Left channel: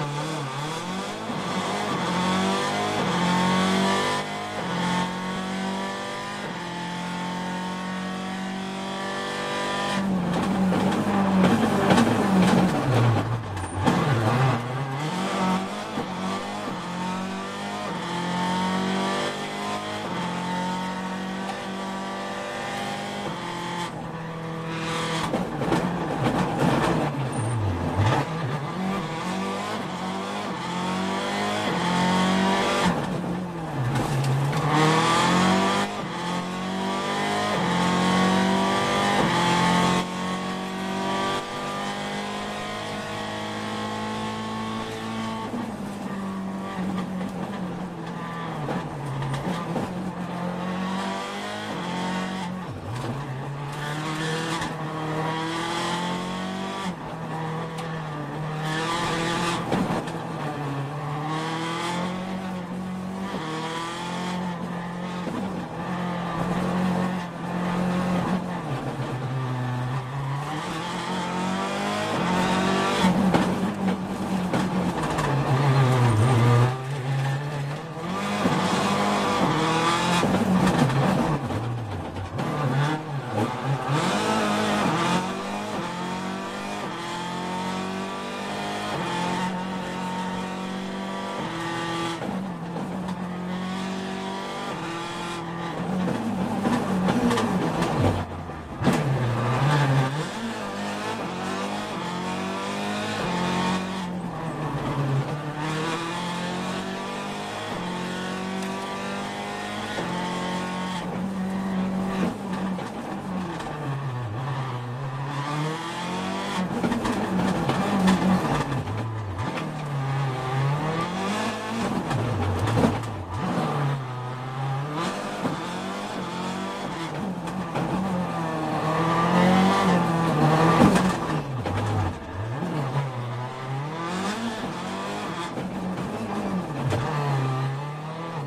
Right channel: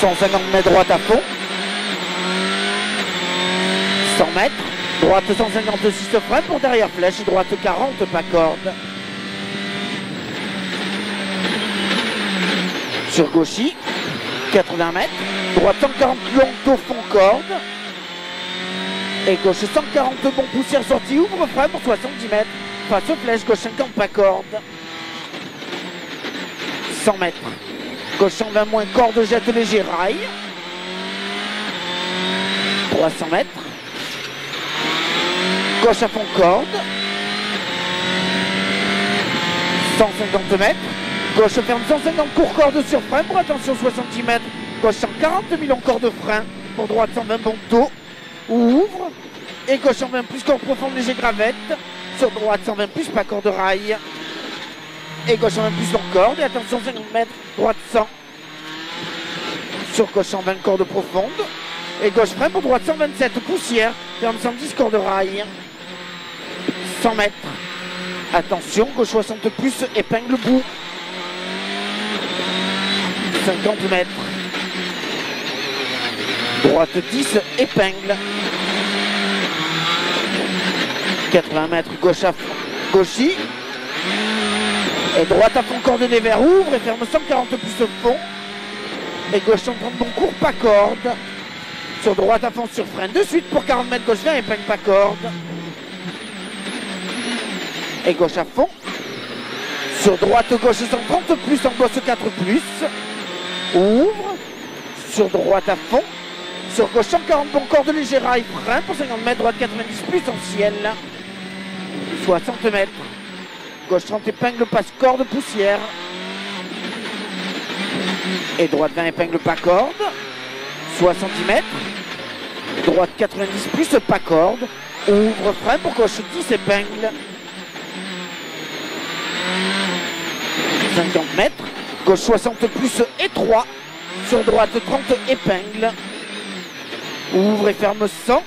150 mètres droite à fond. 100 mètres. Droite 156 frein pour derrière flèche. Droite 40 pas corde. Sur gauchy. 80 mètres. Droite 140 long au fond corde. Et gauche 140 bon poussière sortie. Ouvre frein pour 70 mètres. Face flèche. Gauche 50 pas corde. 100 mètres. Gauche 120 moins corde jette léger rail. 300 mètres. Gauche à fond corde. 150 mètres. Gauche ferme 150 court corde sur frein pour attention 70 mètres. Gauche 140 demi long corde frein. Pour droite 120 bon dos. Ouvre. Et gauche 120 plus corde profonde léger gravette. Sur droite 120 plus pas corde rail. Et gauche 120 plus long corde. Et attention 50 mètres. Droite 100. Sur gauche 120 corde profonde. Et gauche frein pour droite 127 poussière. Ferme 110 corde rail. 100 mètres. Attention, gauche 60 plus, épingle bout. 50 mètres. Droite 10, épingle. 80 mètres, gauche à gauchy. Et droite à fond coordonnée vers ouvre et ferme 140 plus au fond. Et gauche 130 bon court, pas corde. Sur droite à fond sur frein de suite pour 40 mètres gauche 20, épingle pas corde. Et gauche à fond. Sur droite gauche 130 plus, en gauche 4 plus. Ouvre. Sur droite à fond. Sur gauche 140 bon corde léger rail frein pour 50 mètres, droite 90 plus en ciel. 60 mètres. Gauche 30 épingle passe corde poussière. Et droite 20 épingle pas corde. 60 mètres. Droite 90 plus pas corde. Ouvre frein pour gauche 10 épingle. 50 mètres. Gauche 60 plus étroit. Sur droite 30 épingle. Ouvre et ferme 100.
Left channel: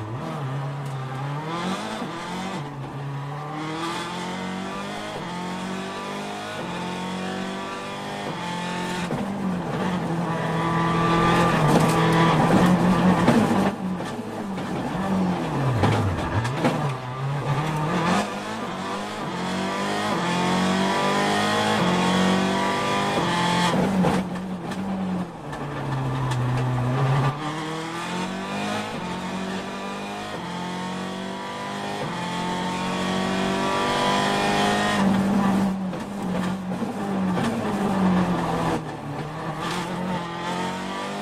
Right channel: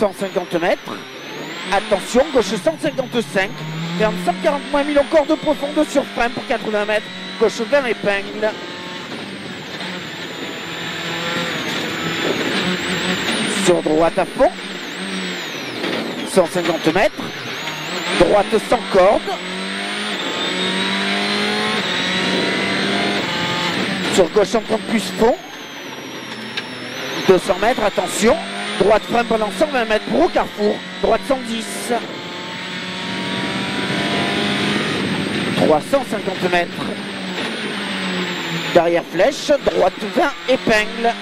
150 mètres. Attention, gauche 155. Ferme 140 moins 1000 en corde profonde sur frein pour 80 mètres. Gauche 20 épingle. Sur droite à fond. 150 mètres. Droite sans corde. Sur gauche 130 plus fond. 200 mètres, attention. Droite frein pendant 120 mètres pour au carrefour. Droite 110. 350 mètres. Derrière flèche. Droite 20, épingle.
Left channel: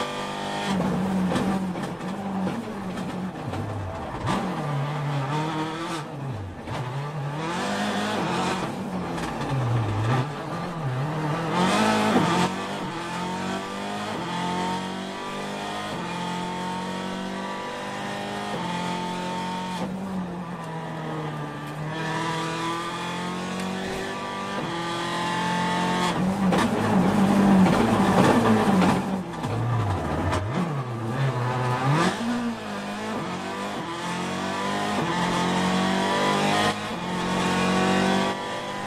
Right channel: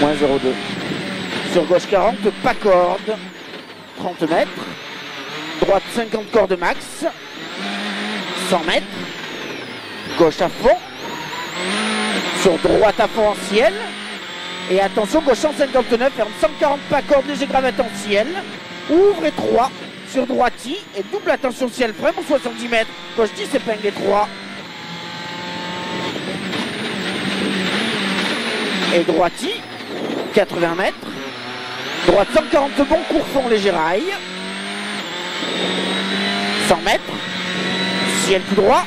Moins 0,2. Sur gauche 40, pas corde. 30 mètres. Droite 50 corde max. 100 mètres. Gauche à fond. Sur droite à fond en ciel. Et attention, gauche 159, ferme 140 pas corde léger gravette en ciel. Ouvre et 3 sur droiti. Et double attention ciel frein pour 70 mètres. Gauche 10 épingle et 3. Et droiti. 80 mètres. Droite 140 bon court fond léger rail. 100 mètres. Ciel tout droit.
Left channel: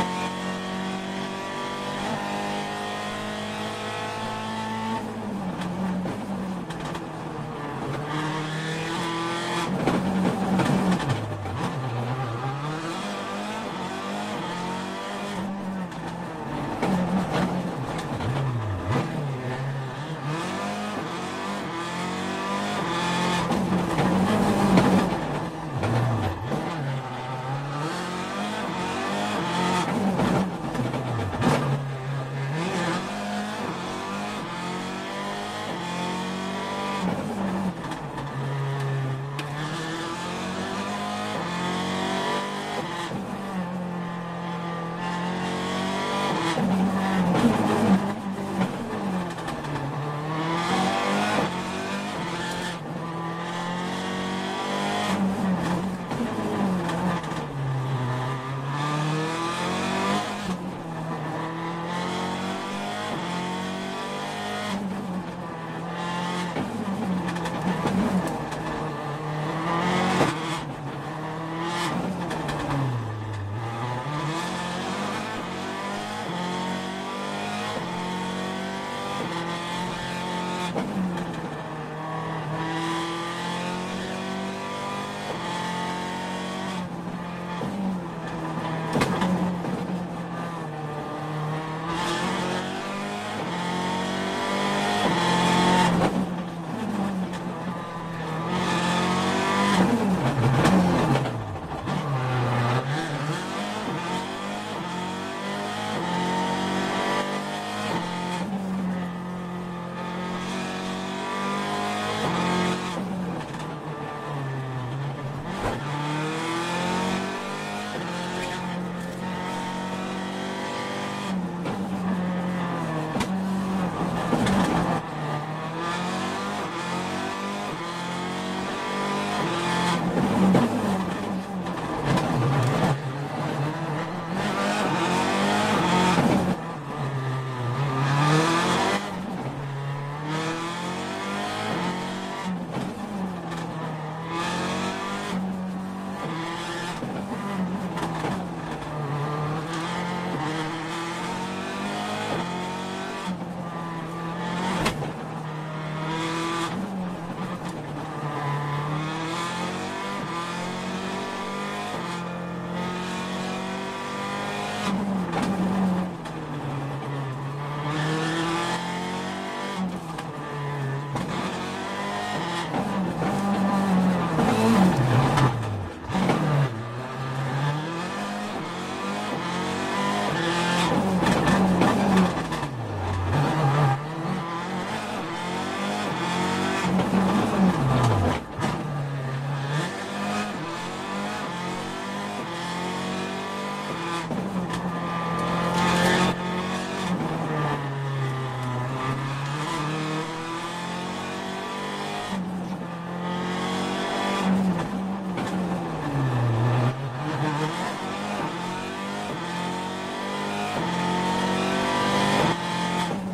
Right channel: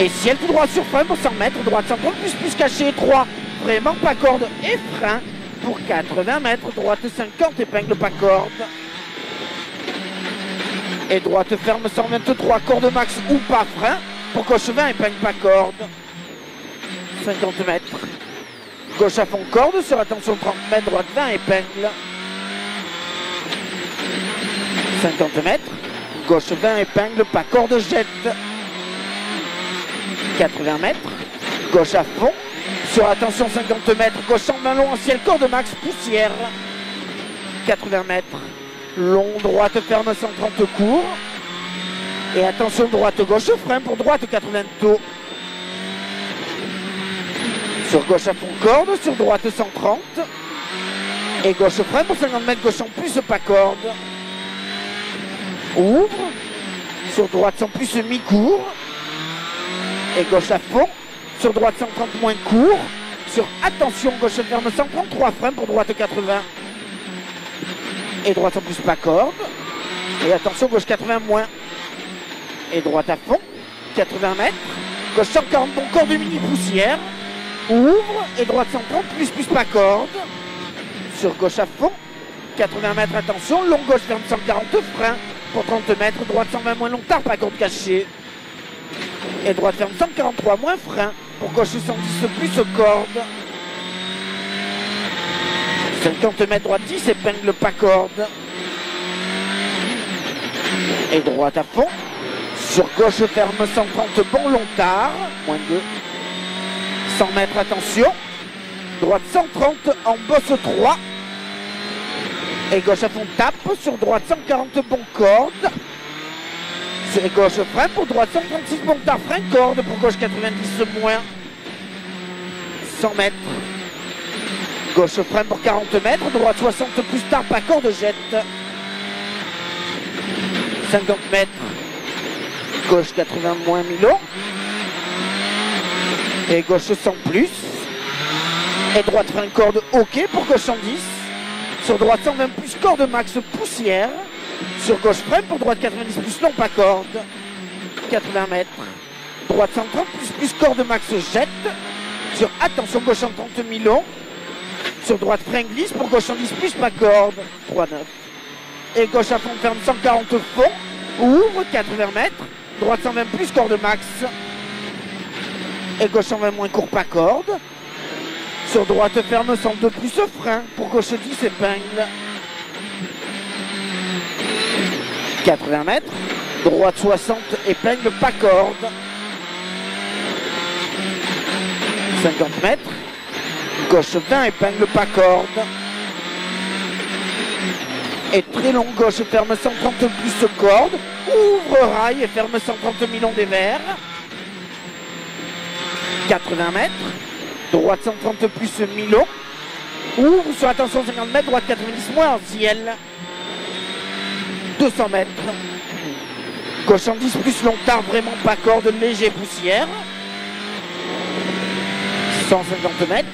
Et ciel tout droit sur frein pour 100 mètres. Droite 130 plus caché 3. Vraiment pas corde et frein pour 80 mètres. Droite 50 épingle pas corde. Et droite ferme 123 corde max ou pas frein. Pour gauche 20 épingle pas corde. 50 mètres. Gauche à fond corde sur attention 30 mètres. Droite 20 épingle. 50 mètres. Gauche 20 épingle pas corde jette. 80 mètres. Gauche à fond. Sur attention 50 mètres. Gauche 120 long en ciel corde max poussière. 80 mètres. Long droite ferme 130 court. Et attention droite gauche frein pour droite 80 taux. Sur gauche à fond corde. Sur droite 130. Et gauche frein pour 50 mètres. Gauche en plus pas corde. Ouvre. Sur droite sans plus mi-court. Et gauche à fond. Sur droite 130 moins court. Sur attention gauche ferme 133 frein pour droite 80. Et droite en plus pas corde. Et attention gauche 80 moins. et droite à fond, 80 mètres, gauche 140, bon corde de mini poussière, ouvre et droite 130, plus pas corde, sur gauche à fond, 80 mètres, attention, long gauche ferme 140, frein, pour 30 mètres, droite 120, moins long, tard, pas corde cachée, et droite ferme 143, moins frein, pour gauche 110, plus corde, 50 mètres, droite 10, épingle pas corde, et droite à fond, sur gauche ferme 130, bon long tard, moins 2, 100 mètres, attention, droite 130, en bosse 3, et gauche à fond tape, sur droite 140, bon corde, sur gauche frein, pour droite 136, bon tard, frein corde, pour gauche 90 moins, 100 mètres, gauche frein pour 40 mètres, droite 60 plus tard, pas corde jette, 50 mètres, gauche 80 moins Milo, et gauche 100 plus, et droite frein corde ok pour gauche 110, sur droite 120 plus corde max poussière, sur gauche frein pour droite 90 plus non pas corde, 80 mètres, droite 130 plus corde max jette, sur attention gauche 130 Milo, sur droite frein glisse pour gauche 110 plus pas corde, 3 9, et gauche à fond ferme 140 fond, ouvre 80 mètres, droite 120 plus corde max, et gauche 120 moins court pas corde, sur droite ferme 102 plus frein, pour gauche 10 épingle, 80 mètres, droite 60 épingle pas corde, 50 mètres, gauche 20 épingle pas corde, et très long gauche ferme 130 plus corde, ouvre rail et ferme 130 millions des verres, 80 mètres, droite 130 plus Milo, ouvre sur attention 50 mètres, droite 90 moins en ciel, 200 mètres, gauche 110 plus long tard, vraiment pas corde, léger poussière, 150 mètres,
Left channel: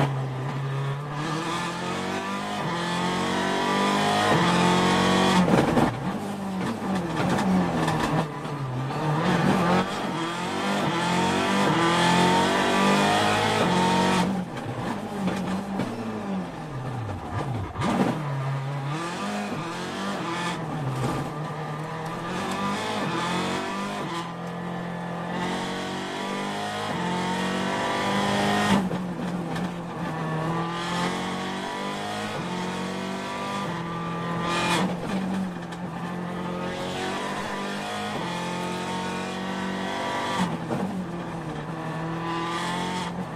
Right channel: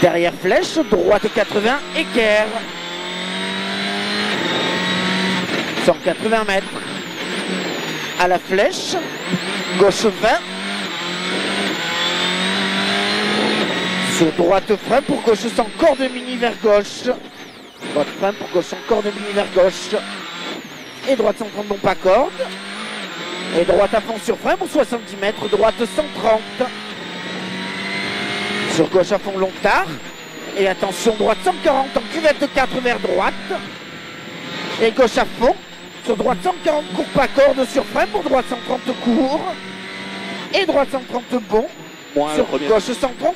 derrière flèche, droite 80, équerre, 180 mètres, à la flèche, gauche 20, sur droite frein pour gauche sans corde mini vers gauche, droite frein pour gauche sans corde mini vers gauche, et droite 130 bon pas corde, et droite à fond sur frein pour 70 mètres, droite 130, sur gauche à fond long tard, et attention droite 140 en cuvette 4 vers droite, et gauche à fond, sur droite 140 court pas corde sur frein pour droite 130 court, et droite 130 bon, sur gauche 130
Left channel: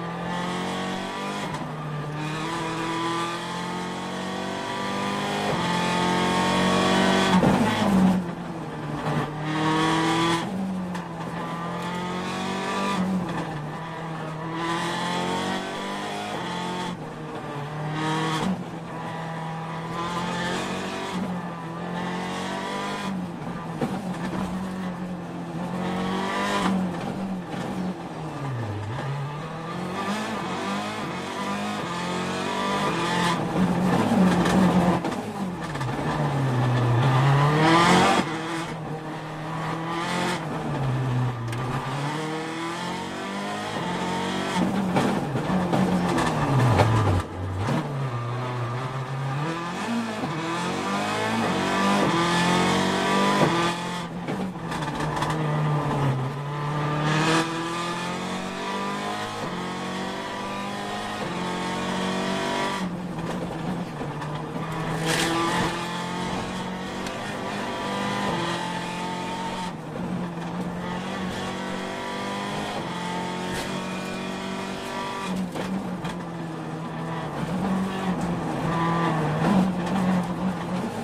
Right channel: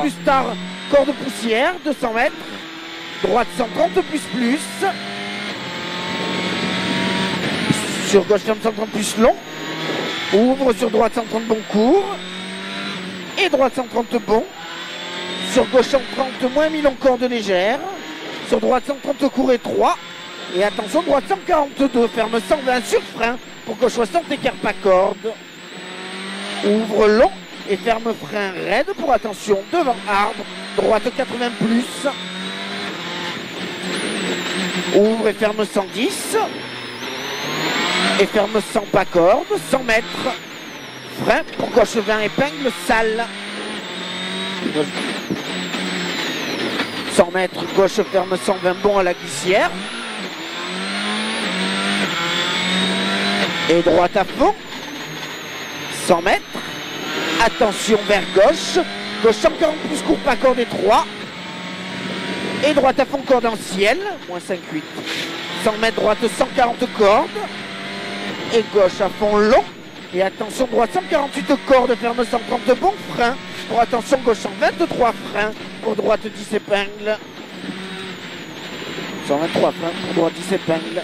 plus tard, corde poussière, 200 mètres, droite 130 plus, sur gauche 130 plus long, ouvre sur droite 130 bon court, et droite 130 bon, sur gauche 130 moins 1000 en corde légère, sur droite 130 court et 3, et attention droite 142, ferme 120 sur frein, pour gauche 60 écart pas corde, ouvre long, et ferme frein raide pour attention devant arbre, droite 80 plus, ouvre et ferme 110, et ferme 100 pas corde, 100 mètres, frein pour gauche 20 épingle sale, 100 mètres, gauche ferme 120 bon à la glissière, et droite à fond, 100 mètres, attention vers gauche, gauche 140 plus court pas corde et 3, et droite à fond corde en ciel, moins 5, 8, 100 mètres droite 140 cordes, et gauche à fond long, et attention droite 148 cordes, ferme 130 bon frein, pour attention gauche 123 freins, pour droite 10 épingles, 123 freins, pour droite 10 épingles,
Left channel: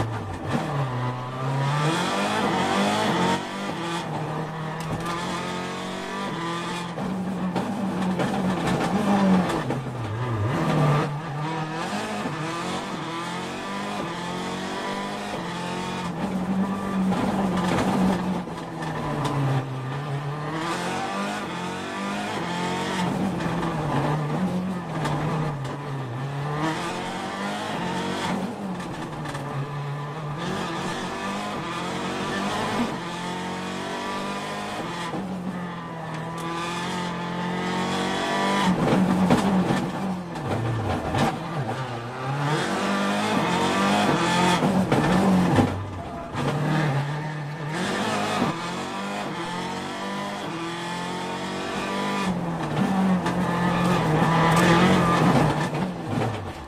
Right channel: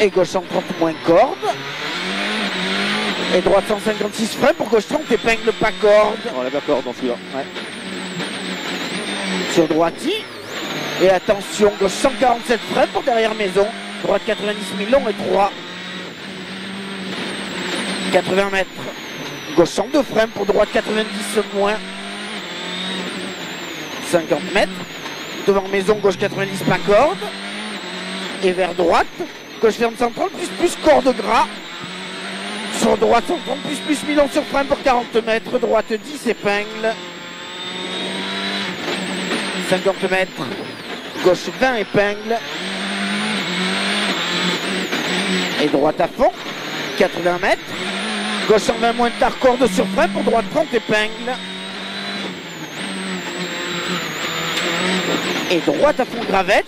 et gauche 130 moins corde, et droite 156 freins, pour gauche 30 épingles pas corde. On l'a pas corde dans celui-là. Ouais. Sur droite, et attention gauche 147 freins pour derrière maison, droite 90 millions et 3, 80 mètres, gauche 102 freins pour droite 90 moins, 50 mètres, devant maison gauche 90 pas corde, et vers droite. Gauche ferme 130 plus corde gras. Sur droite 130 plus Milon sur frein pour 40 mètres. Droite 10 épingles. 50 mètres. Gauche 20 épingles. Et droite à fond. 80 mètres. Gauche en main moins tard, corde sur frein pour droite 30 épingles. Et droite à fond gravette.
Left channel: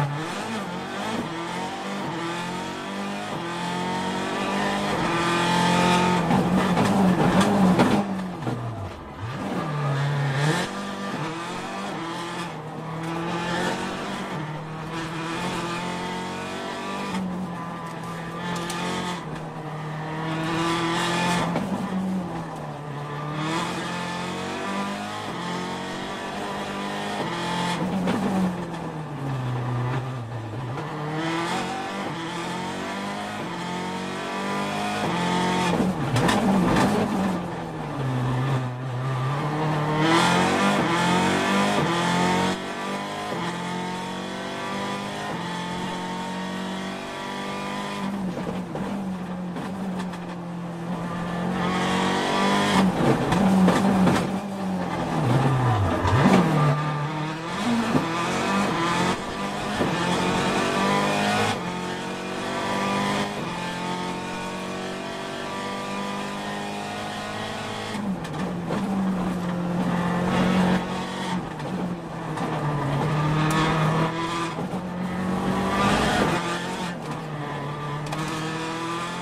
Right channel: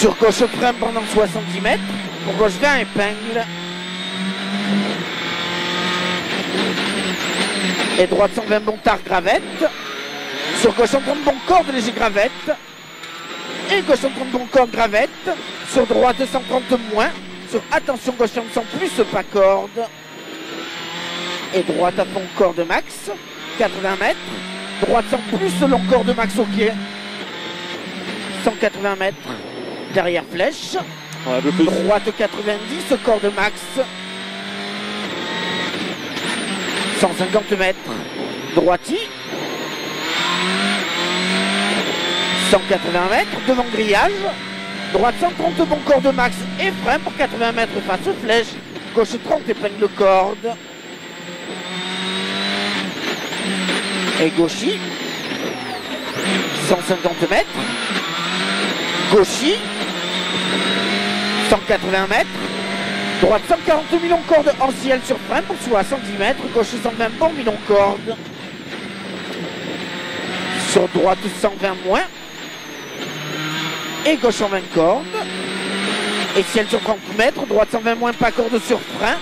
Sur gauche frein pendant 70 mètres. Pour gauche 20 épingles. Et droite 120 bon tard gravette. Sur gauche 130 bon corde léger gravette. Et gauche 130 bon corde gravette. Sur droite 130 moins. Sur attention gauche 100 plus pas corde. Et droite à fond corde max. 80 mètres. Droite 100 plus long corde max au pied. 180 mètres. Derrière flèche. Ouais, droite 90 corde max. 150 mètres. Droiti. 180 mètres. Devant grillage. Droite 130 bon corde max et frein pour 80 mètres face flèche. Gauche 30 épingles de corde. Et gauchis. 150 mètres. Gauchis. 180 mètres. Droite 140 millions de cordes en ciel sur frein pour 70 mètres. Gauche 120 bon millions de cordes. Sur droite 120 moins. Et gauche 120 cordes. Et ciel sur 30 mètres. Droite 120 moins pas corde sur frein.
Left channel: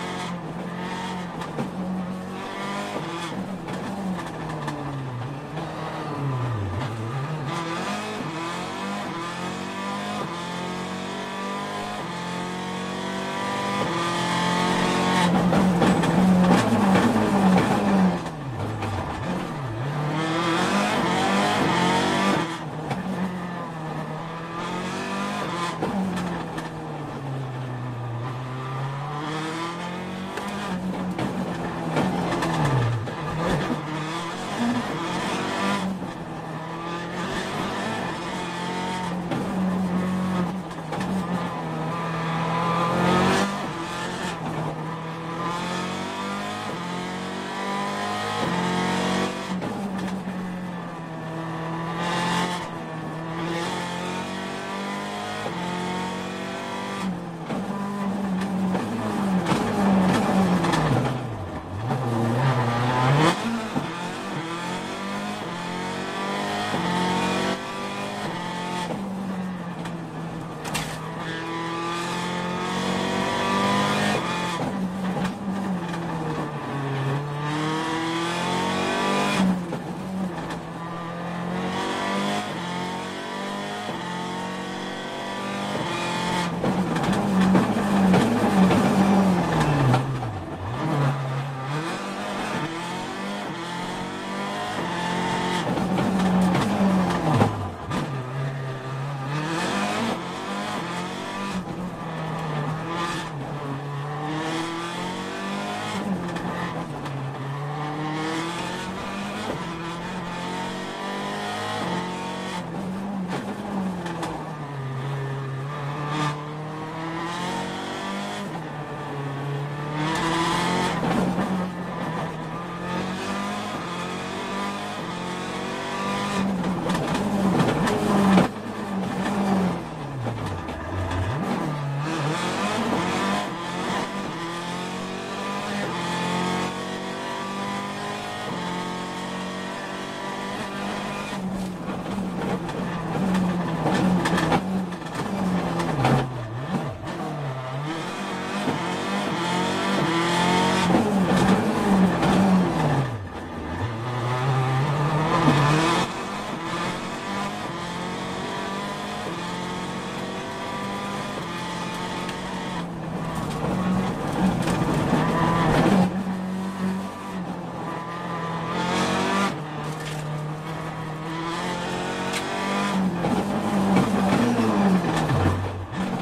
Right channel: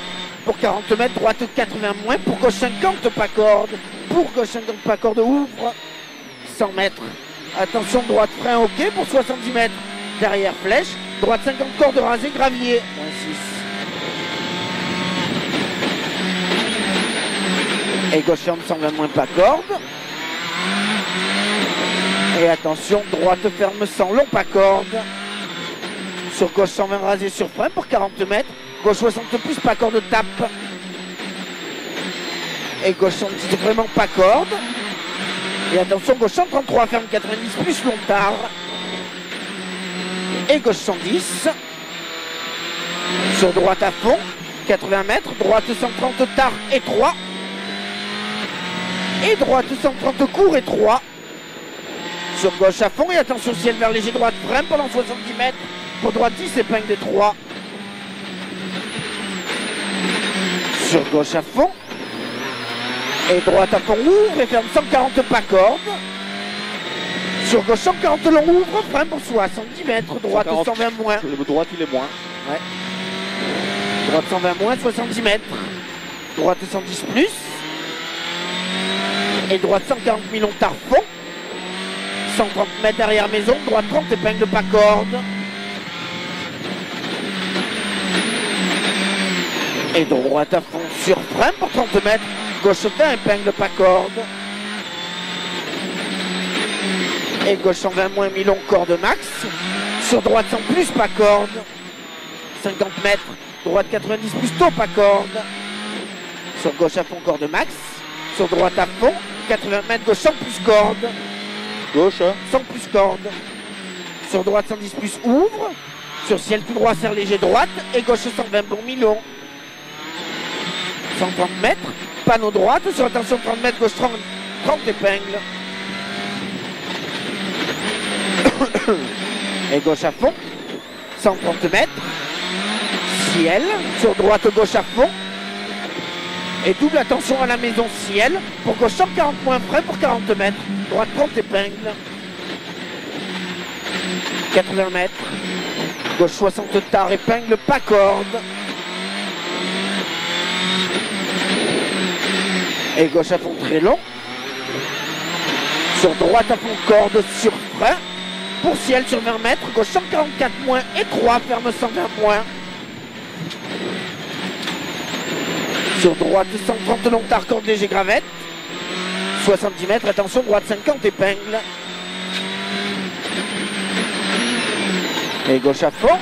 Pour 40 mètres. Droite 80 moins. Pour gauche 50 pas corde. Pour gauche 50 pas corde ouvre. 100 mètres. Attention droite frein ok pour 70 mètres. Derrière flèche. Droite 50 cordes rasées gravier. Et gauche 120 moins pas corde. Et attention, droite ferme sans long pas corde. Sur gauche 120 rasé sur frein pour 40 mètres. Gauche 60 plus pas corde tape. Et gauche 110 vraiment pas corde. Et attention, gauche 133 ferme 90 plus long tard. Et gauche 110. Sur droite à fond, 80 mètres. Droite 130 tard et 3. Et droite 130 court et 3. Sur gauche à fond et attention ciel vers léger droite frein pendant 70 mètres. Pour droite 10 épingle des 3. Sur gauche à fond. Et droite à fond ouvre et ferme 140 pas corde. Sur gauche 140 long ouvre, frein pour 70 mètres. Droite 120 moins. Le droite il est moins. Ouais. Droite 120 moins, 70 mètres. Droite 110 plus. Et droite 140 millions tard fond. 130 mètres derrière maison, droite 30 épingle pas corde. Et droite à fond sur frein pour 30 mètres. Gauche 20 épingle pas corde. Et gauche 120 moins mi-long corde max. Sur droite 100 plus pas corde. 50 mètres. Droite 90 plus tôt pas corde. Sur gauche à fond corde max. Sur droite à fond. 80 mètres gauche 100 plus corde. Gauche. 100 plus corde. Sur droite 110 plus ouvre. Sur ciel tout droit serre léger droite. Et gauche 120 bon mi-long. 130 mètres. Panneau droite. Sur attention 30 mètres gauche 30 épingles. Et gauche à fond. 130 mètres. Ciel. Sur droite gauche à fond. Et double attention à la maison ciel. Pour gauche 140 moins frein pour 40 mètres. Droite 30 épingles. 80 mètres. Gauche 60 tard épingle pas corde. Et gauche à fond très long. Sur droite à fond corde sur frein. Pour ciel sur 20 mètres. Gauche 144 moins et 3 ferme 120 moins. Sur droite 130 long tard corde léger gravette. 70 mètres, attention, droite 50 épingles. Et gauche à fond.